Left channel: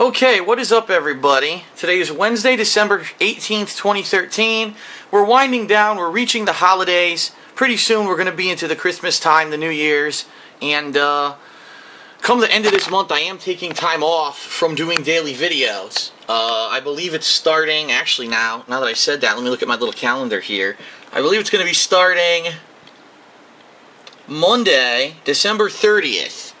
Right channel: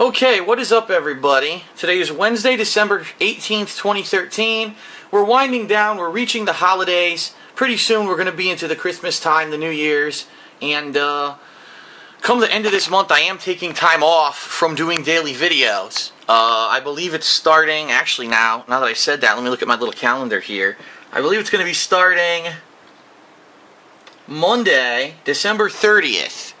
Okay, what is up, everybody? Today is Wednesday, December 18th, 2013. We're winding down. We're reaching the holidays. Pretty soon we're going to be into the Christmas time, the New Year's. And come the end of this month, I am taking time off from doing daily videos. I believe it's starting, actually now that I said that, let me look at my little calendar here. I believe it's going to be starting Monday, December 30th.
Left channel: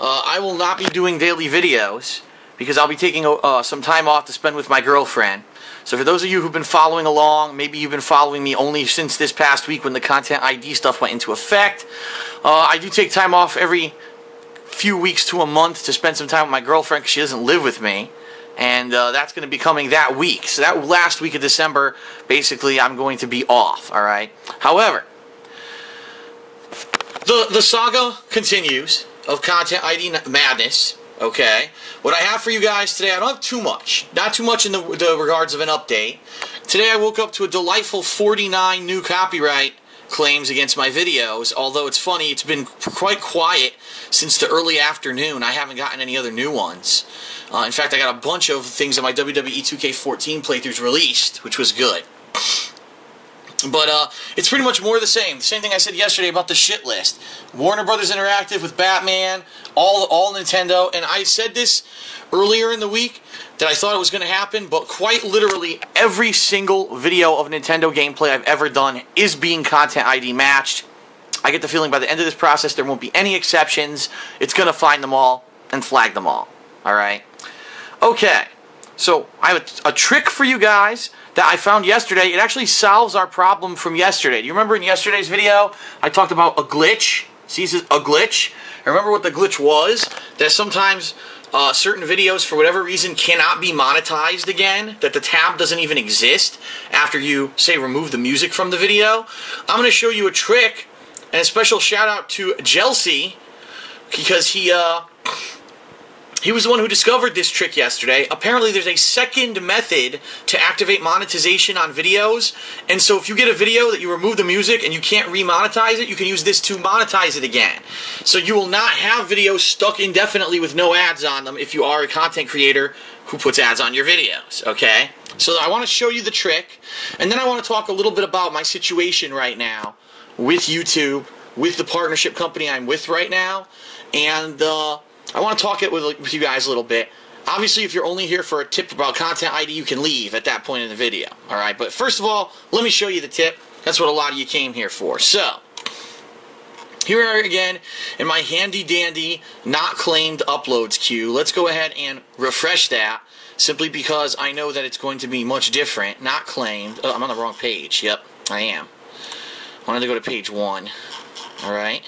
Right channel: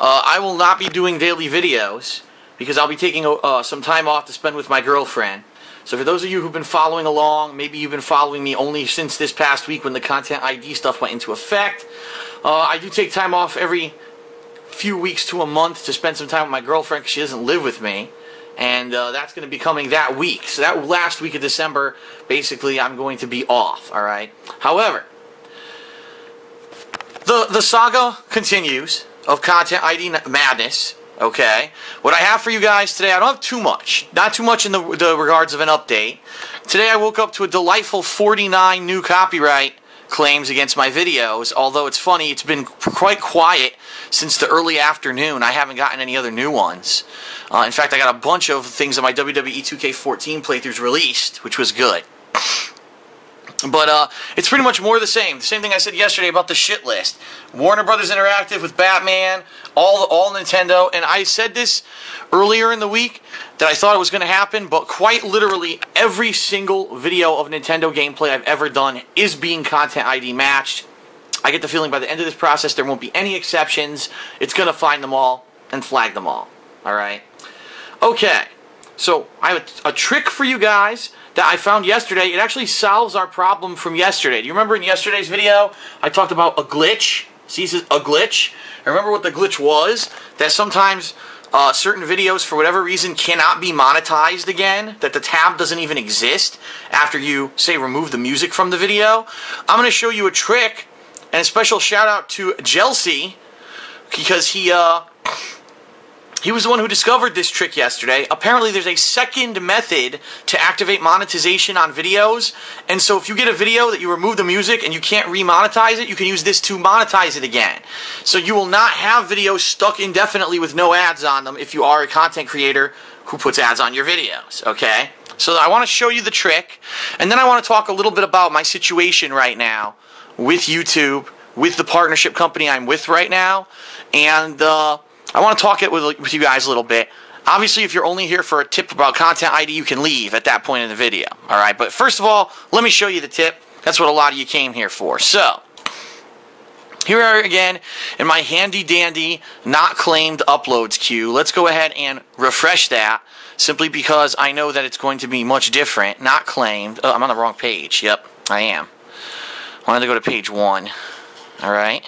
I will not be doing daily videos because I'll be taking some time off to spend with my girlfriend. So for those of you who've been following along, maybe you've been following me only since this past week when the Content ID stuff went into effect. I do take time off every few weeks to a month to spend some time with my girlfriend because she doesn't live with me. And that's going to be coming that week. So that last week of December, basically, I'm going to be off, alright? However, the saga continues of Content ID madness. Okay, what I have for you guys today, I don't have too much. Not too much in the regards of an update. Today I woke up to a delightful 49 new copyright claims against my videos. Although it's funny, it's been quite quiet since the early afternoon. I haven't gotten any other new ones. In fact, I got a bunch of things on my WWE 2K14 playthroughs released, which was good. But it's pretty much more of the same. The same thing I said yesterday about the shit list. Warner Brothers Interactive with Batman, all Nintendo. And I said this earlier in the week that I thought it was going to happen, but quite literally every single video of Nintendo gameplay I've ever done is being Content ID matched. I get the feeling by the end of this process there won't be any exceptions. It's going to find them all and flag them all. Alright? Okay. So, I have a trick for you guys that I found yesterday. It actually solves our problem from yesterday. Do you remember in yesterday's video, I talked about a glitch? See, it says a glitch. I remember what the glitch was? That sometimes certain videos, for whatever reason, cannot be monetized again. That the tab doesn't even exist after you, say, remove the music from the video. I'm going to show you a trick, and a special shout out to Chelsea, because he was the one who discovered this trick yesterday. Apparently there's a second method to activate monetization on videos. And so if you get a video that you remove the music and you can't remonetize it, you can use this to monetize it again. So you will not have videos stuck indefinitely with no ads on them if you are a content creator who puts ads on your videos, okay? So I want to show you the trick. And then I want to talk a little bit about my situation right now with YouTube, with the partnership company I'm with right now. And I want to talk it with you guys a little bit. Obviously, if you're only here for a tip about Content ID, you can leave at that point in the video. Alright, but first of all, let me show you the tip. That's what a lot of you came here for. So, here we are again in my handy-dandy, not claimed uploads queue. Let's go ahead and refresh that, simply because I know that it's going to be much different. Not claimed. Oh, I'm on the wrong page. Yep, I am. I wanted to go to page 1. Alright.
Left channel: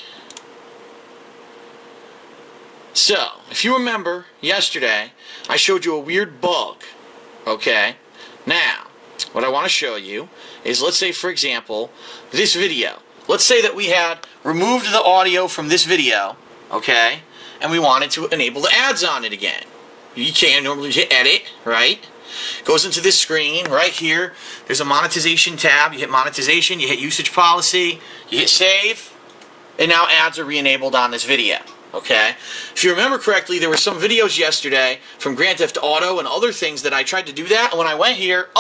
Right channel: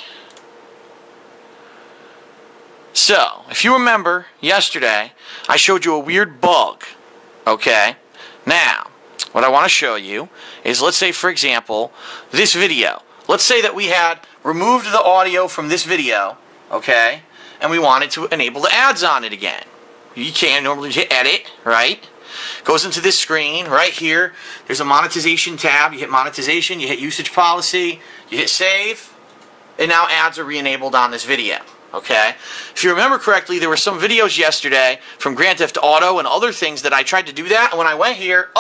So, if you remember, yesterday, I showed you a weird bug, okay? Now, what I want to show you is, let's say, for example, this video. Let's say that we had removed the audio from this video, okay? And we wanted to enable the ads on it again. You can normally hit edit, right? Goes into this screen, right here. There's a monetization tab. You hit monetization, you hit usage policy, you hit save, and now ads are re-enabled on this video. Okay? If you remember correctly, there were some videos yesterday from Grand Theft Auto and other things that I tried to do that, and when I went here,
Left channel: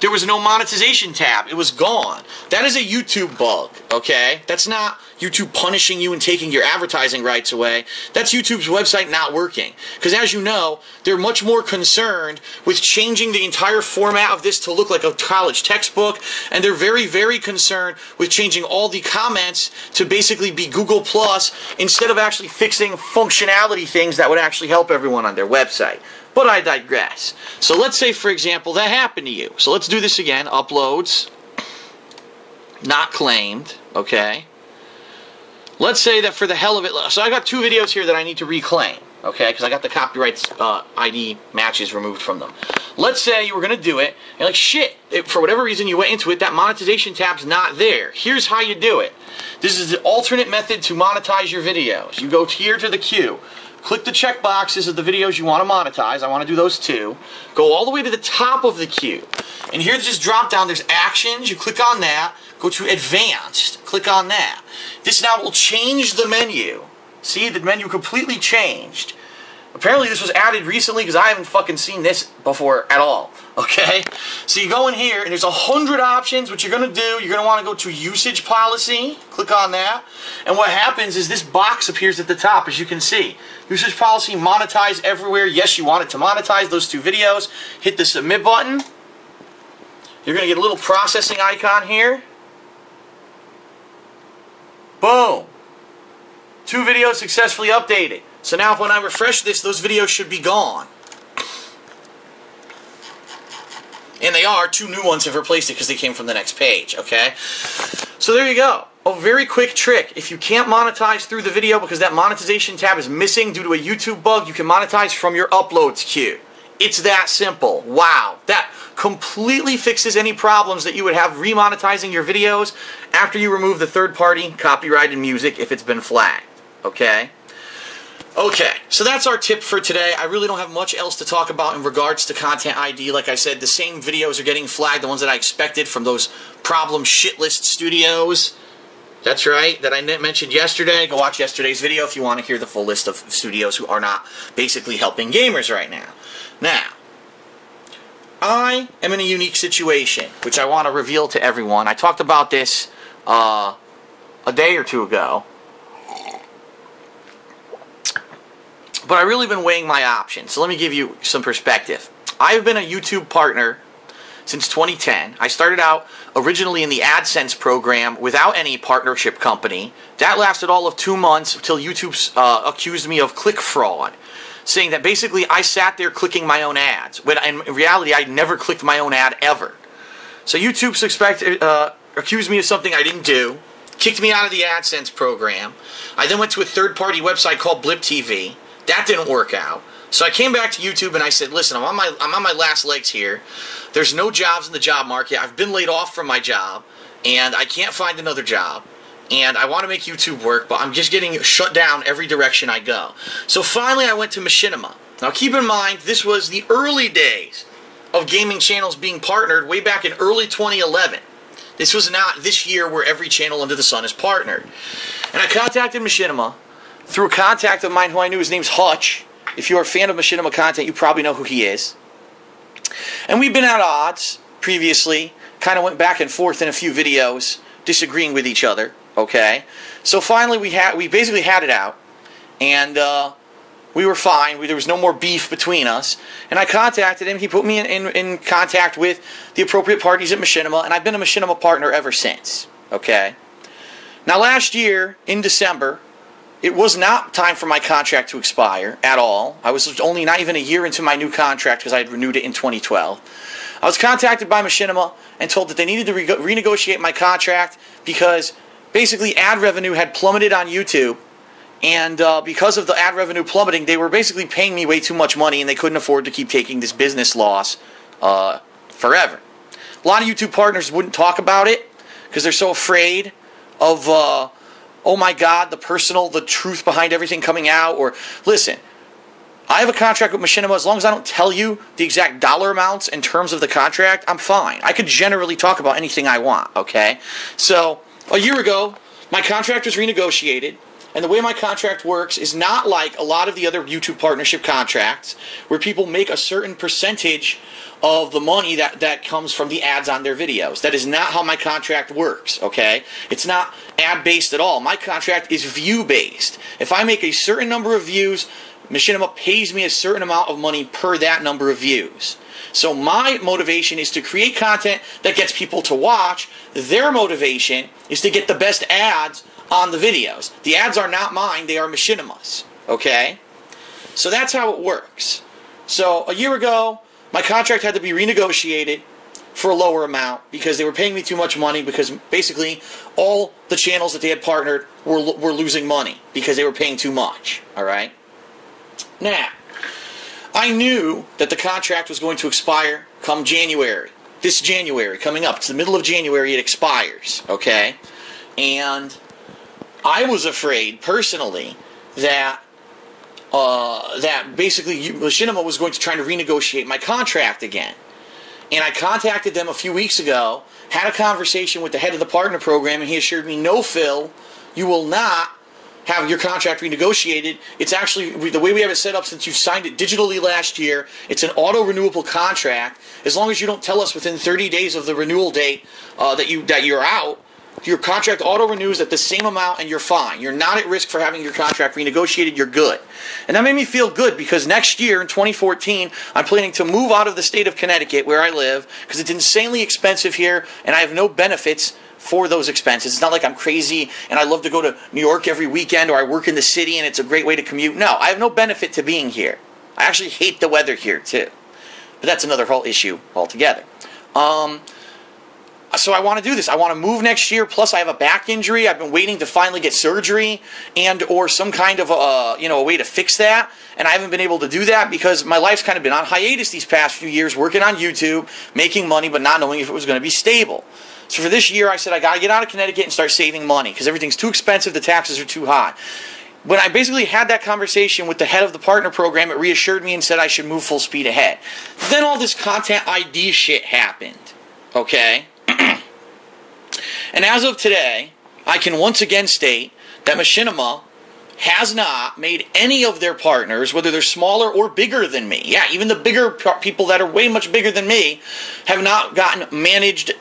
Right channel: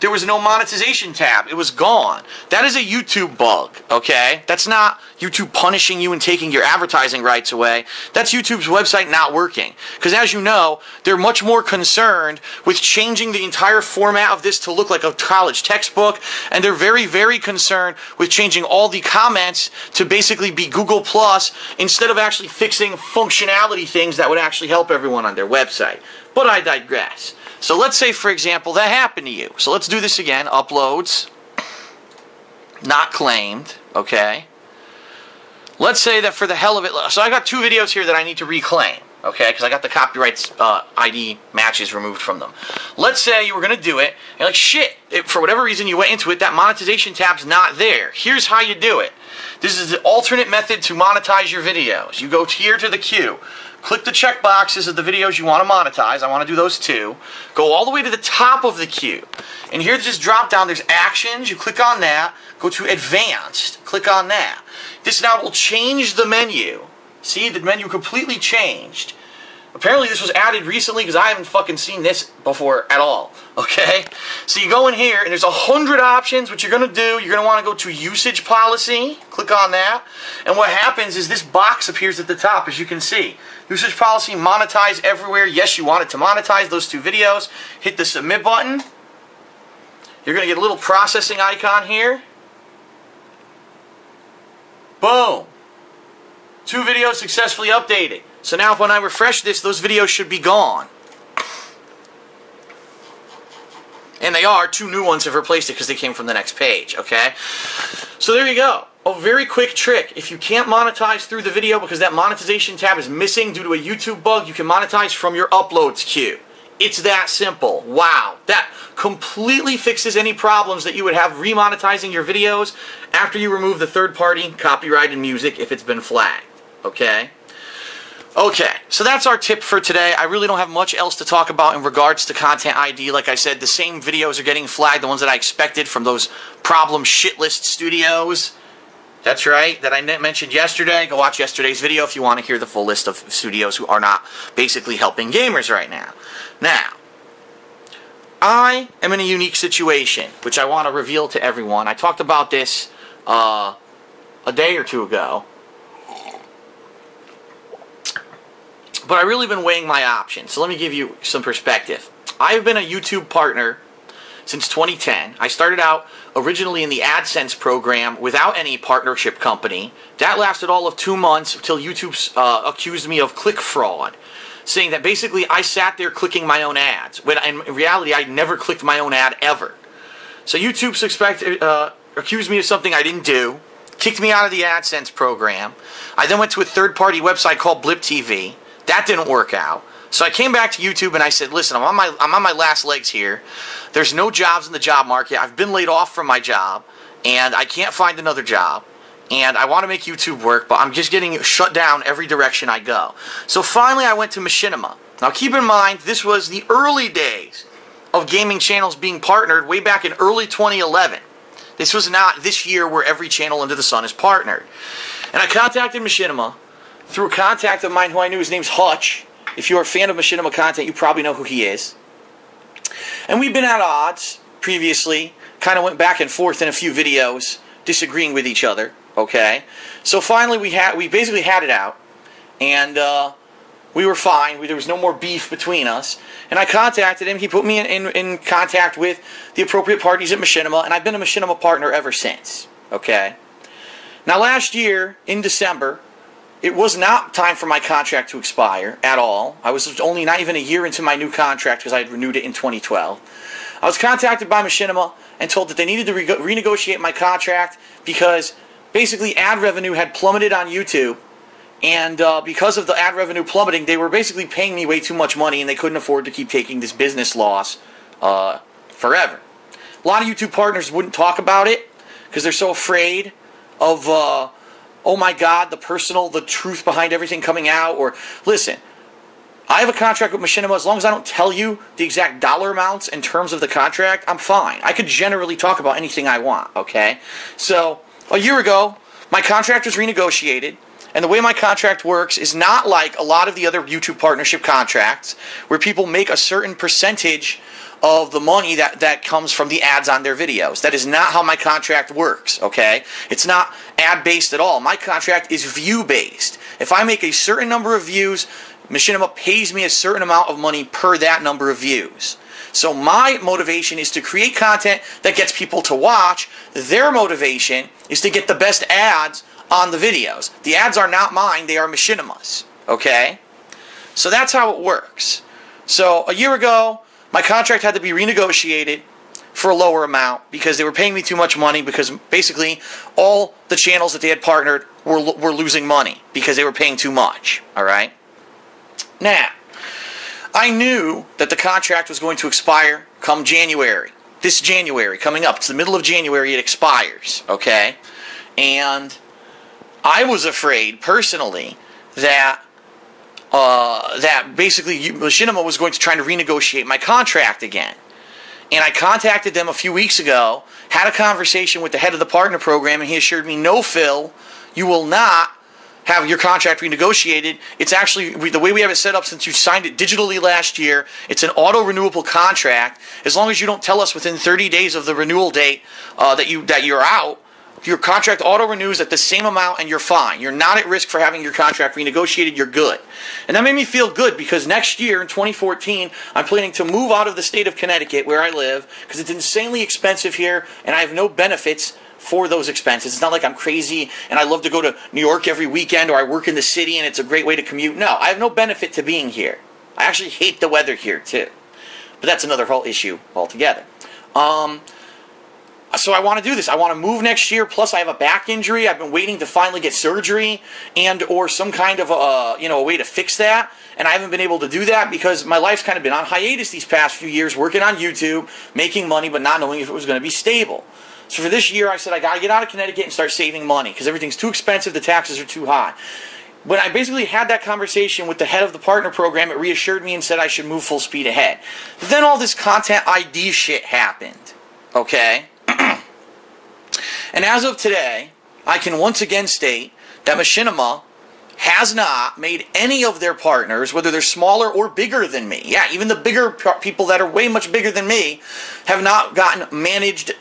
there was no monetization tab. It was gone. That is a YouTube bug, okay? That's not YouTube punishing you and taking your advertising rights away. That's YouTube's website not working. Because as you know, they're much more concerned with changing the entire format of this to look like a college textbook, and they're very, very concerned with changing all the comments to basically be Google Plus instead of actually fixing functionality things that would actually help everyone on their website. But I digress. So let's say, for example, that happened to you. So let's do this again. Uploads. Not claimed. Okay. Let's say that for the hell of it... So I got 2 videos here that I need to reclaim. Okay, because I got the copyright ID matches removed from them. Let's say you were going to do it, and like, shit, for whatever reason you went into it, that monetization tab's not there. Here's how you do it. This is the alternate method to monetize your videos. You go here to the queue. Click the check boxes of the videos you want to monetize. I want to do those 2. Go all the way to the top of the queue. And here's this drop down. There's actions. You click on that. Go to advanced. Click on that. This now will change the menu. See, the menu completely changed. Apparently this was added recently because I haven't fucking seen this before at all. Okay? So you go in here and there's 100 options. What you're going to do, you're going to want to go to usage policy. Click on that. And what happens is this box appears at the top, as you can see. Usage policy, monetize everywhere. Yes, you want it to monetize those 2 videos. Hit the submit button. You're going to get a little processing icon here. Boom. 2 videos successfully updated. So now when I refresh this, those videos should be gone. And they are. 2 new ones have replaced it because they came from the next page, okay? So there you go. A very quick trick. If you can't monetize through the video because that monetization tab is missing due to a YouTube bug, you can monetize from your uploads queue. It's that simple. Wow. That completely fixes any problems that you would have remonetizing your videos after you remove the third-party copyrighted music if it's been flagged, okay? Okay, so that's our tip for today. I really don't have much else to talk about in regards to Content ID. Like I said, the same videos are getting flagged, the ones that I expected from those problem shitlist studios. That's right, that I mentioned yesterday. Go watch yesterday's video if you want to hear the full list of studios who are not basically helping gamers right now. Now, I am in a unique situation, which I want to reveal to everyone. I talked about this a day or 2 ago. But I've really been weighing my options, so let me give you some perspective. I've been a YouTube partner since 2010. I started out originally in the AdSense program without any partnership company. That lasted all of 2 months until YouTube accused me of click fraud, saying that basically I sat there clicking my own ads, when in reality I never clicked my own ad ever. So YouTube accused me of something I didn't do, kicked me out of the AdSense program. I then went to a third-party website called Blip TV. That didn't work out. So I came back to YouTube and I said, listen, I'm on my last legs here. There's no jobs in the job market. I've been laid off from my job, and I can't find another job. And I want to make YouTube work, but I'm just getting shut down every direction I go. So finally I went to Machinima. Now keep in mind, this was the early days of gaming channels being partnered way back in early 2011. This was not this year where every channel under the sun is partnered. And I contacted Machinima through a contact of mine who I knew. His name's Hutch. If you're a fan of Machinima content, you probably know who he is. And we've been at odds previously. Kind of went back and forth in a few videos, disagreeing with each other. Okay? So finally we basically had it out. And we were fine. There was no more beef between us. And I contacted him. He put me in contact with the appropriate parties at Machinima. And I've been a Machinima partner ever since. Okay? Now last year, in December, it was not time for my contract to expire at all. I was only not even a year into my new contract because I had renewed it in 2012. I was contacted by Machinima and told that they needed to renegotiate my contract because basically ad revenue had plummeted on YouTube. And because of the ad revenue plummeting, they were basically paying me way too much money and they couldn't afford to keep taking this business loss forever. A lot of YouTube partners wouldn't talk about it because they're so afraid of oh my God, the truth behind everything coming out. Or, listen, I have a contract with Machinima. As long as I don't tell you the exact dollar amounts in terms of the contract, I'm fine. I could generally talk about anything I want, okay? So, a year ago, my contract was renegotiated. And the way my contract works is not like a lot of the other YouTube partnership contracts where people make a certain percentage of the money that comes from the ads on their videos. That is not how my contract works, okay? It's not ad-based at all. My contract is view-based. If I make a certain number of views, Machinima pays me a certain amount of money per that number of views. So my motivation is to create content that gets people to watch. Their motivation is to get the best ads on the videos. The ads are not mine, they are Machinima's. Okay? So that's how it works. So a year ago, my contract had to be renegotiated for a lower amount because they were paying me too much money because basically all the channels that they had partnered were losing money because they were paying too much. Alright? Now, I knew that the contract was going to expire come January. This January, coming up. It's the middle of January, it expires. Okay? And I was afraid, personally, that basically Machinima was going to try to renegotiate my contract again. And I contacted them a few weeks ago, had a conversation with the head of the partner program, and he assured me, no, Phil, you will not have your contract renegotiated. It's actually, the way we have it set up since you signed it digitally last year, it's an auto-renewable contract. As long as you don't tell us within 30 days of the renewal date that you're out, your contract auto-renews at the same amount and you're fine. You're not at risk for having your contract renegotiated. You're good. And that made me feel good because next year in 2014, I'm planning to move out of the state of Connecticut where I live because it's insanely expensive here and I have no benefits for those expenses. It's not like I'm crazy and I love to go to New York every weekend or I work in the city and it's a great way to commute. No, I have no benefit to being here. I actually hate the weather here too. But that's another whole issue altogether. So I want to do this. I want to move next year. Plus, I have a back injury. I've been waiting to finally get surgery and or some kind of a way to fix that. And I haven't been able to do that because my life's kind of been on hiatus these past few years, working on YouTube, making money, but not knowing if it was going to be stable. So for this year, I said I got to get out of Connecticut and start saving money because everything's too expensive. The taxes are too high. When I basically had that conversation with the head of the partner program, it reassured me and said I should move full speed ahead. Then all this content ID shit happened. Okay? And as of today, I can once again state that Machinima has not made any of their partners, whether they're smaller or bigger than me. Yeah, even the bigger people that are way much bigger than me have not gotten managed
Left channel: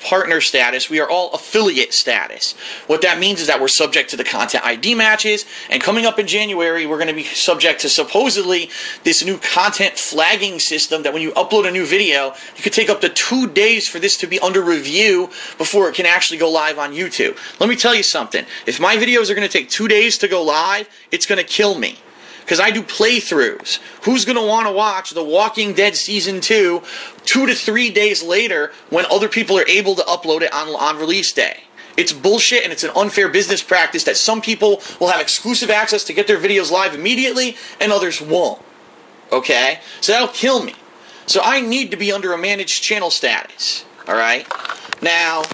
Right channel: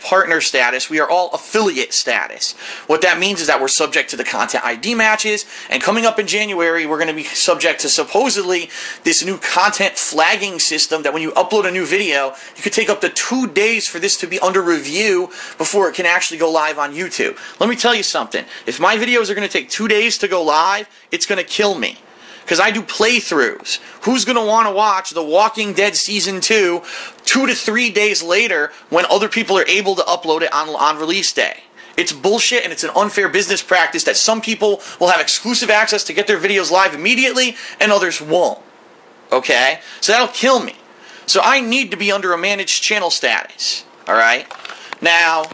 partner status. We are all affiliate status. What that means is that we're subject to the content ID matches, and coming up in January, we're going to be subject to supposedly this new content flagging system that when you upload a new video, it could take up to 2 days for this to be under review before it can actually go live on YouTube. Let me tell you something. If my videos are going to take 2 days to go live, it's going to kill me. Because I do playthroughs. Who's going to want to watch The Walking Dead Season 2 2 to 3 days later when other people are able to upload it on release day? It's bullshit and it's an unfair business practice that some people will have exclusive access to get their videos live immediately and others won't. Okay? So that'll kill me. So I need to be under a managed channel status. Alright? Now,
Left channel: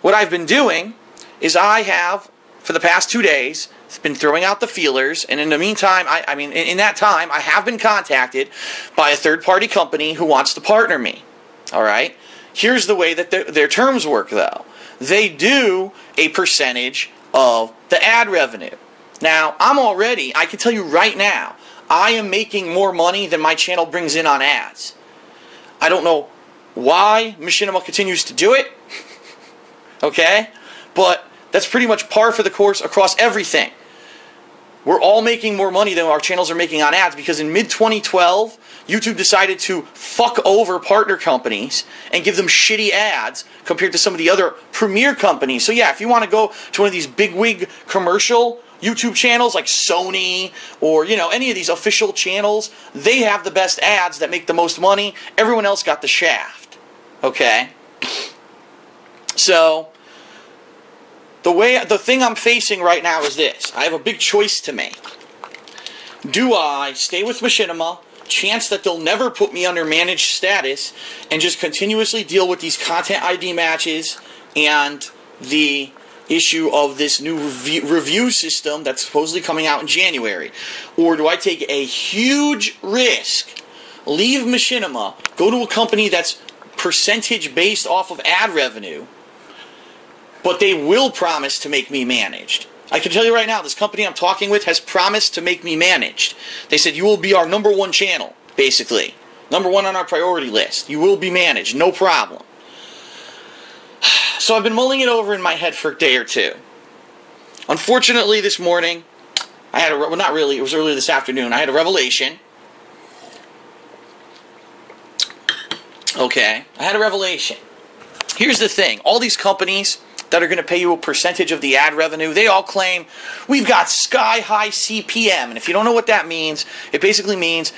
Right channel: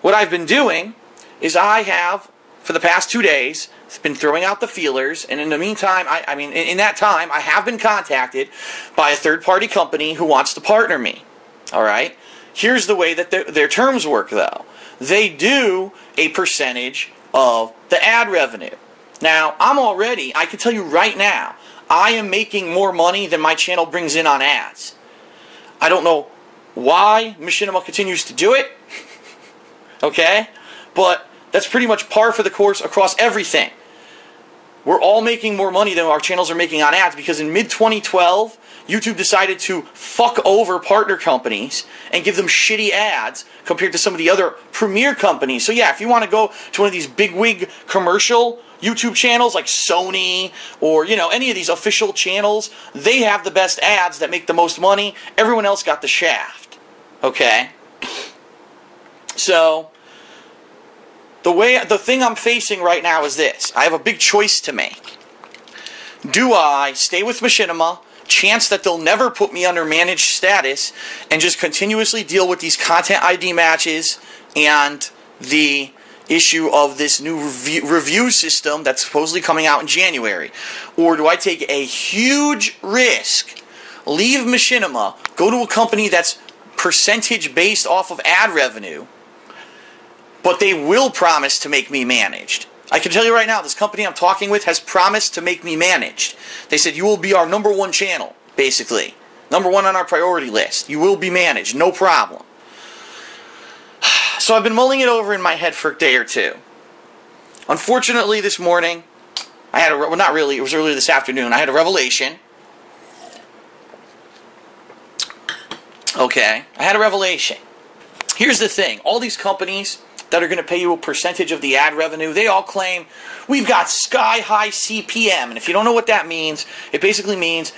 what I've been doing is I have, for the past 2 days, been throwing out the feelers, and in the meantime, in that time, I have been contacted by a third-party company who wants to partner me. All right? Here's the way that their terms work, though. They do a percentage of the ad revenue. Now, I can tell you right now, I am making more money than my channel brings in on ads. I don't know why Machinima continues to do it, okay? But that's pretty much par for the course across everything. We're all making more money than our channels are making on ads because in mid-2012, YouTube decided to fuck over partner companies and give them shitty ads compared to some of the other premier companies. So yeah, if you want to go to one of these bigwig commercial YouTube channels like Sony or, any of these official channels, they have the best ads that make the most money. Everyone else got the shaft. Okay? So the thing I'm facing right now is this. I have a big choice to make. Do I stay with Machinima, chance that they'll never put me under managed status, and just continuously deal with these content ID matches and the issue of this new review system that's supposedly coming out in January? Or do I take a huge risk, leave Machinima, go to a company that's percentage based off of ad revenue, but they will promise to make me managed? I can tell you right now, this company I'm talking with has promised to make me managed. They said, you will be our #1 channel, basically. #1 on our priority list. You will be managed, no problem. So I've been mulling it over in my head for a day or two. Unfortunately, this morning, it was earlier this afternoon, I had a revelation. Okay, I had a revelation. Here's the thing. All these companies that are going to pay you a percentage of the ad revenue, they all claim, we've got sky-high CPM. And if you don't know what that means, it basically means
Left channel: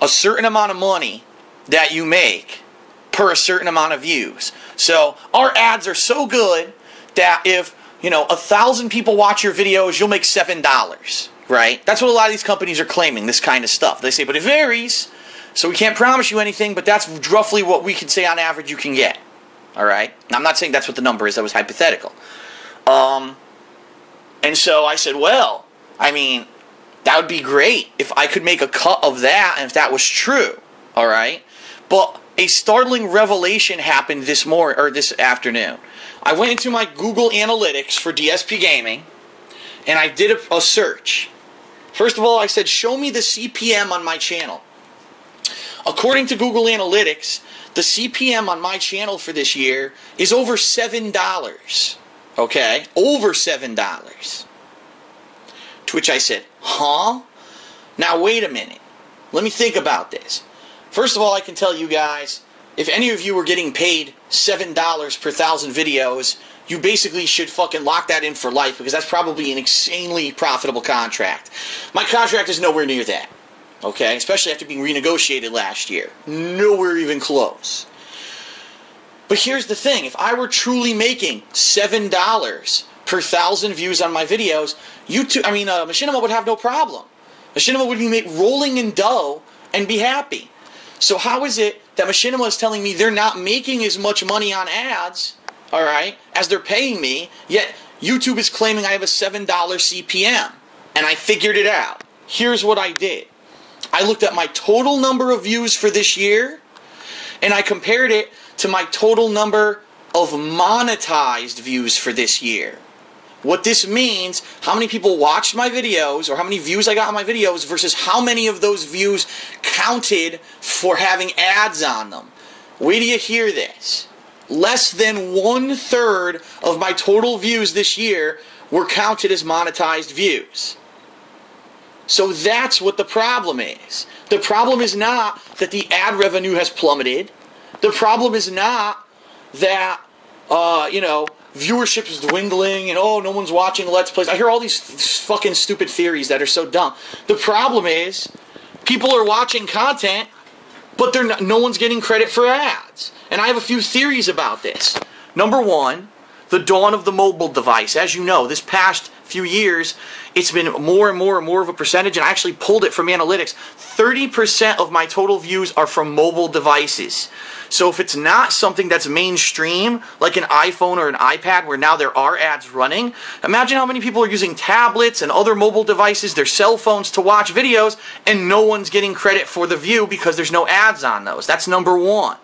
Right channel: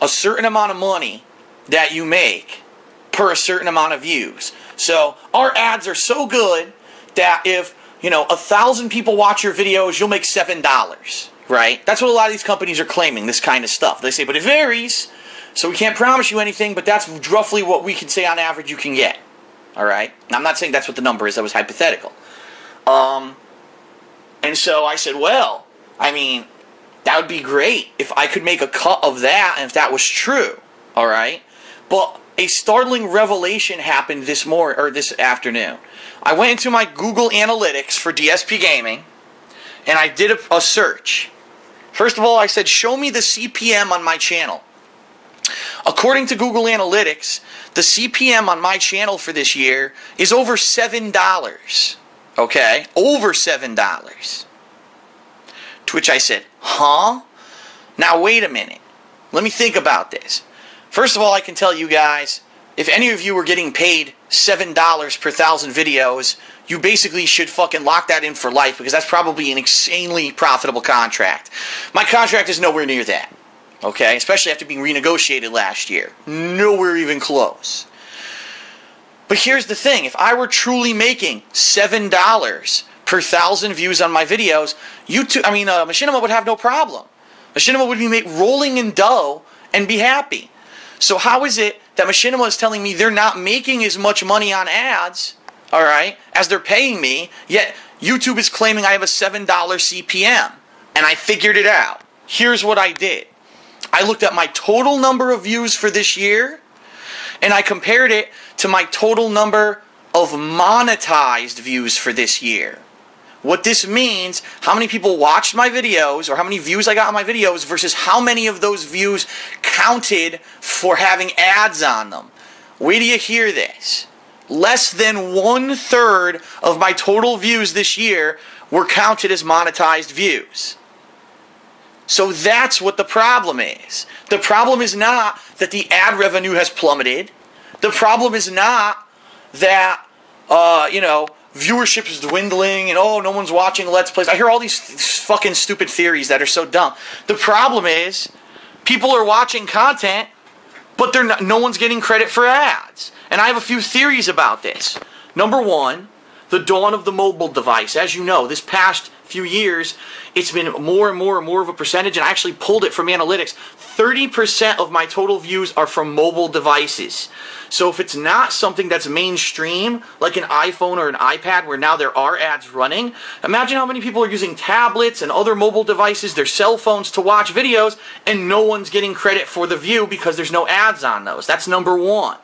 a certain amount of money that you make per a certain amount of views. So our ads are so good that if, 1,000 people watch your videos, you'll make $7, right? That's what a lot of these companies are claiming, this kind of stuff. They say, but it varies, so we can't promise you anything, but that's roughly what we can say on average you can get. All right? Now, I'm not saying that's what the number is. That was hypothetical. And so I said, well, that would be great if I could make a cut of that and if that was true. All right? But a startling revelation happened this afternoon. I went into my Google Analytics for DSPGaming, and I did a search. First of all, I said, show me the CPM on my channel. According to Google Analytics, the CPM on my channel for this year is over $7. Okay? Over $7. To which I said, huh? Now wait a minute. Let me think about this. First of all, I can tell you guys, if any of you were getting paid $7 per 1,000 videos, you basically should fucking lock that in for life, because that's probably an insanely profitable contract. My contract is nowhere near that. Okay? Especially after being renegotiated last year. Nowhere even close. But here's the thing. If I were truly making $7 per 1,000 views on my videos, Machinima would have no problem. Machinima would be rolling in dough and be happy. So how is it that Machinima is telling me they're not making as much money on ads, alright, as they're paying me, yet YouTube is claiming I have a $7 CPM? And I figured it out. Here's what I did. I looked at my total number of views for this year, and I compared it to my total number of monetized views for this year. What this means, how many people watched my videos, or how many views I got on my videos, versus how many of those views counted for having ads on them. Wait till you hear this. Less than 1/3 of my total views this year were counted as monetized views. So that's what the problem is. The problem is not that the ad revenue has plummeted. The problem is not that, viewership is dwindling and, no one's watching Let's Plays. I hear all these fucking stupid theories that are so dumb. The problem is, people are watching content, but no one's getting credit for ads. And I have a few theories about this. Number one, the dawn of the mobile device. As you know, this past few years, it's been more and more and more of a percentage, and I actually pulled it from analytics. 30% of my total views are from mobile devices. So if it's not something that's mainstream, like an iPhone or an iPad, where now there are ads running, imagine how many people are using tablets and other mobile devices, their cell phones, to watch videos, and no one's getting credit for the view because there's no ads on those. That's number one.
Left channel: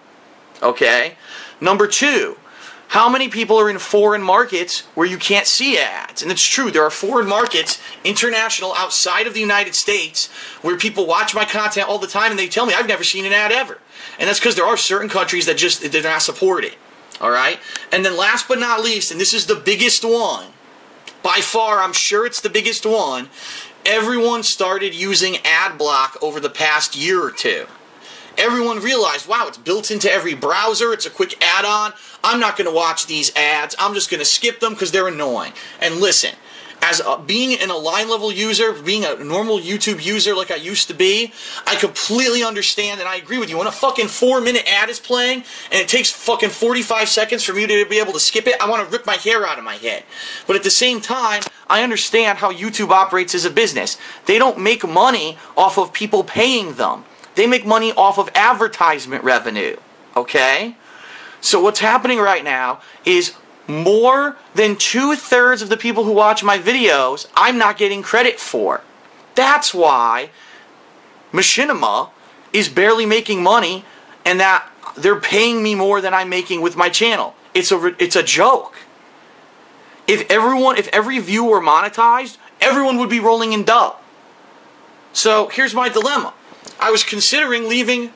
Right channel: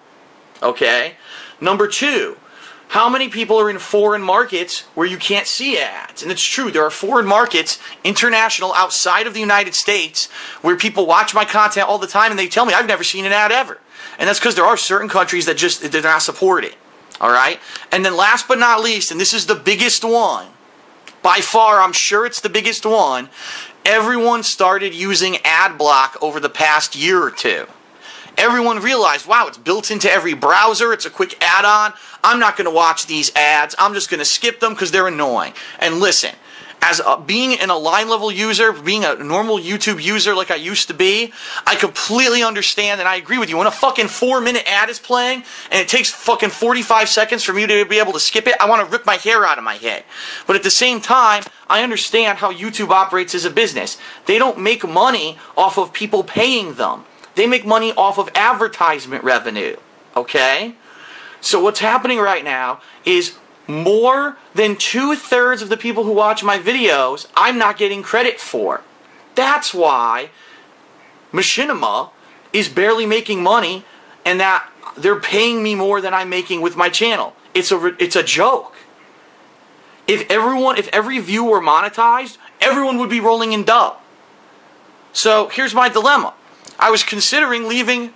Okay? Number two, how many people are in foreign markets where you can't see ads? And it's true, there are foreign markets, international, outside of the United States, where people watch my content all the time and they tell me, I've never seen an ad ever. And that's because there are certain countries that they're not supported. Alright? And then last but not least, and this is the biggest one, by far, I'm sure it's the biggest one, everyone started using ad block over the past year or two. Everyone realized, wow, it's built into every browser, it's a quick add-on, I'm not going to watch these ads, I'm just going to skip them because they're annoying. And listen, as being an Align level user, being a normal YouTube user like I used to be, I completely understand and I agree with you. When a fucking 4-minute ad is playing and it takes fucking 45 seconds for me to be able to skip it, I want to rip my hair out of my head. But at the same time, I understand how YouTube operates as a business. They don't make money off of people paying them. They make money off of advertisement revenue, okay? So what's happening right now is more than 2/3 of the people who watch my videos, I'm not getting credit for. That's why Machinima is barely making money, and that they're paying me more than I'm making with my channel. It's a joke. If every view were monetized, everyone would be rolling in dough. So here's my dilemma. I was considering leaving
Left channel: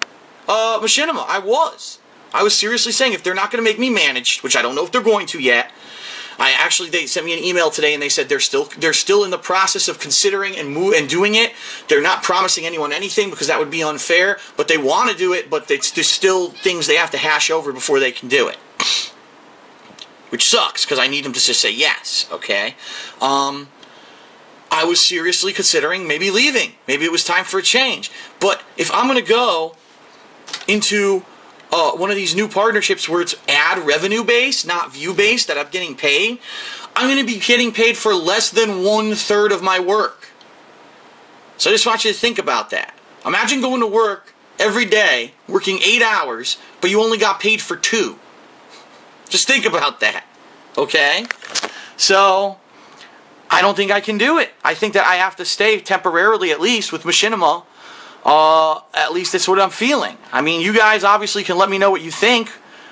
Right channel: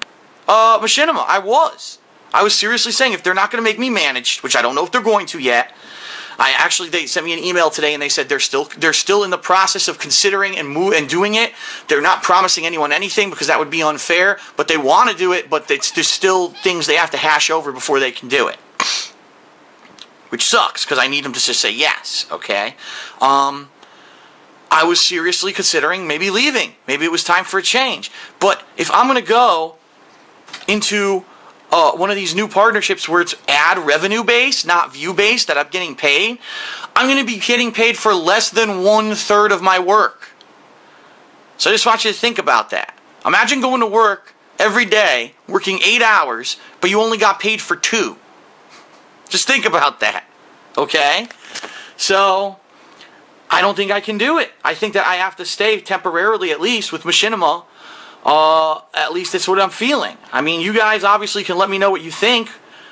Machinima. I was seriously saying, if they're not going to make me managed, which I don't know if they're going to yet. They sent me an email today and they said they're still in the process of considering and doing it. They're not promising anyone anything because that would be unfair, but they want to do it, but there's still things they have to hash over before they can do it. Which sucks because I need them to just say yes, okay? I was seriously considering maybe leaving. Maybe it was time for a change. But if I'm going to go into one of these new partnerships where it's ad revenue based, not view based, that I'm getting paid, I'm going to be getting paid for less than 1/3 of my work. So I just want you to think about that. Imagine going to work every day, working 8 hours, but you only got paid for 2. Just think about that. Okay? So I don't think I can do it. I think that I have to stay temporarily, at least, with Machinima. At least that's what I'm feeling. I mean, you guys obviously can let me know what you think.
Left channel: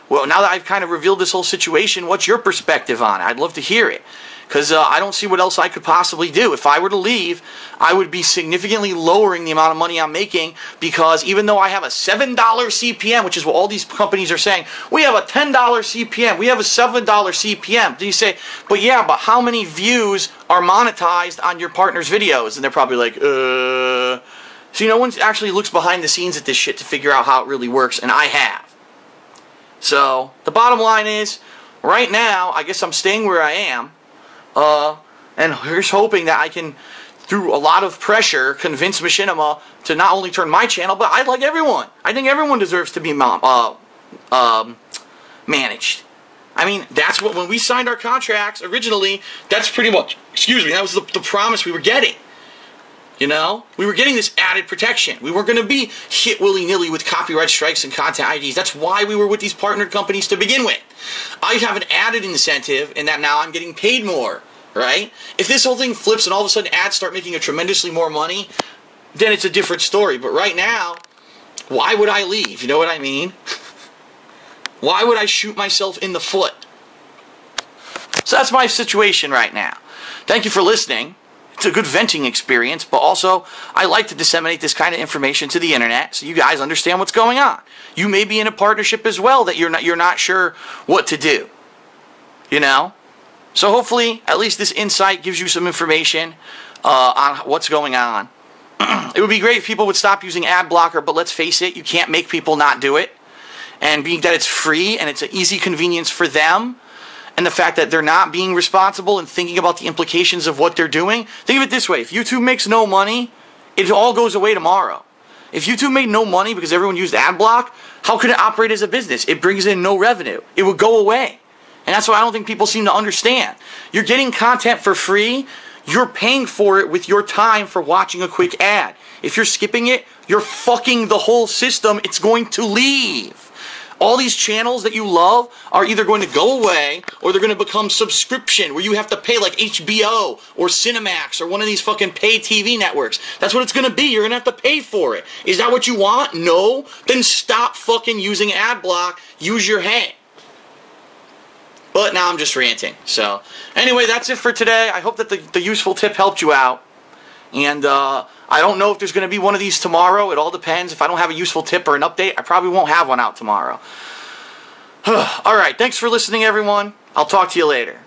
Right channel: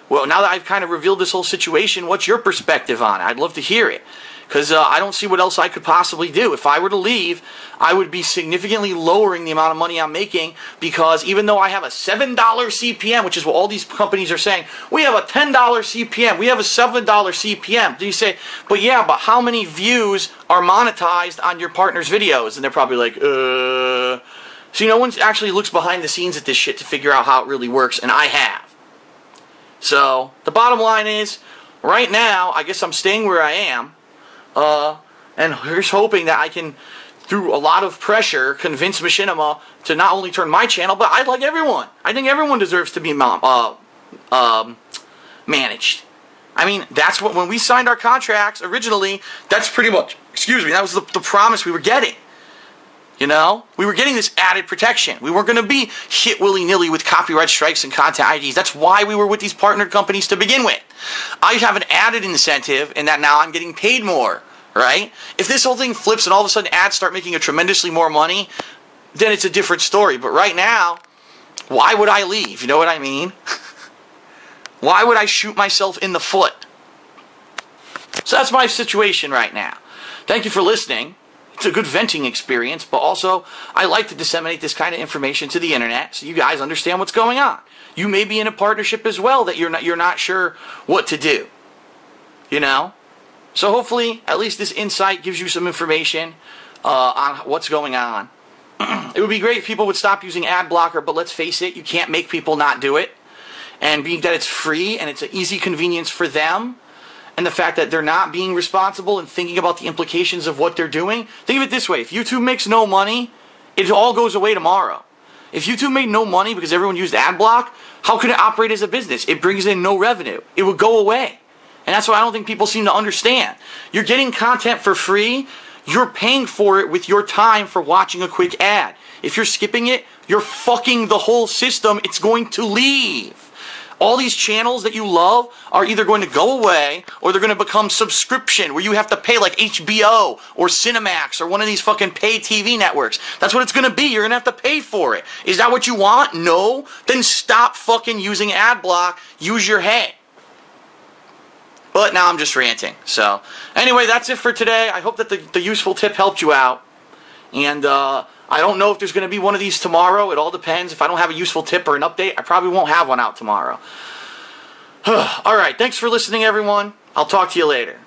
Well, now that I've kind of revealed this whole situation, what's your perspective on it? I'd love to hear it. because I don't see what else I could possibly do. If I were to leave, I would be significantly lowering the amount of money I'm making, because even though I have a $7 CPM, which is what all these companies are saying, we have a $10 CPM, we have a $7 CPM. Do you say, but yeah, but how many views are monetized on your partner's videos? And they're probably like, See, no one actually looks behind the scenes at this shit to figure out how it really works, and I have. So, the bottom line is, right now, I guess I'm staying where I am, and here's hoping that I can, through a lot of pressure, convince Machinima to not only turn my channel, but I like everyone. I think everyone deserves to be managed. I mean, that's what, when we signed our contracts originally, that's pretty much, that was the promise we were getting. You know? We were getting this added protection. We weren't going to be hit willy-nilly with copyright strikes and content IDs. That's why we were with these partnered companies to begin with. I have an added incentive in that now I'm getting paid more, right? If this whole thing flips and all of a sudden ads start making a tremendously more money, then it's a different story. But right now, why would I leave? You know what I mean? Why would I shoot myself in the foot? So that's my situation right now. Thank you for listening. It's a good venting experience, but also I like to disseminate this kind of information to the internet so you guys understand what's going on. You may be in a partnership as well that you're not sure what to do. You know? So hopefully at least this insight gives you some information on what's going on. It would be great if people would stop using ad blocker, but let's face it, you can't make people not do it. And being that it's free and it's an easy convenience for them, and the fact that they're not being responsible and thinking about the implications of what they're doing. Think of it this way. If YouTube makes no money, it all goes away tomorrow. If YouTube made no money because everyone used ad block, how could it operate as a business? It brings in no revenue. It would go away. And that's why I don't think people seem to understand. You're getting content for free. You're paying for it with your time for watching a quick ad. If you're skipping it, you're fucking the whole system. It's going to leave. All these channels that you love are either going to go away or they're going to become subscription where you have to pay like HBO or Cinemax or one of these fucking pay TV networks. That's what it's going to be. You're going to have to pay for it. Is that what you want? No? Then stop fucking using ad block. Use your head. But now I'm just ranting. So anyway, that's it for today. I hope that the useful tip helped you out. And I don't know if there's going to be one of these tomorrow. It all depends. If I don't have a useful tip or an update, I probably won't have one out tomorrow. All right. Thanks for listening, everyone. I'll talk to you later.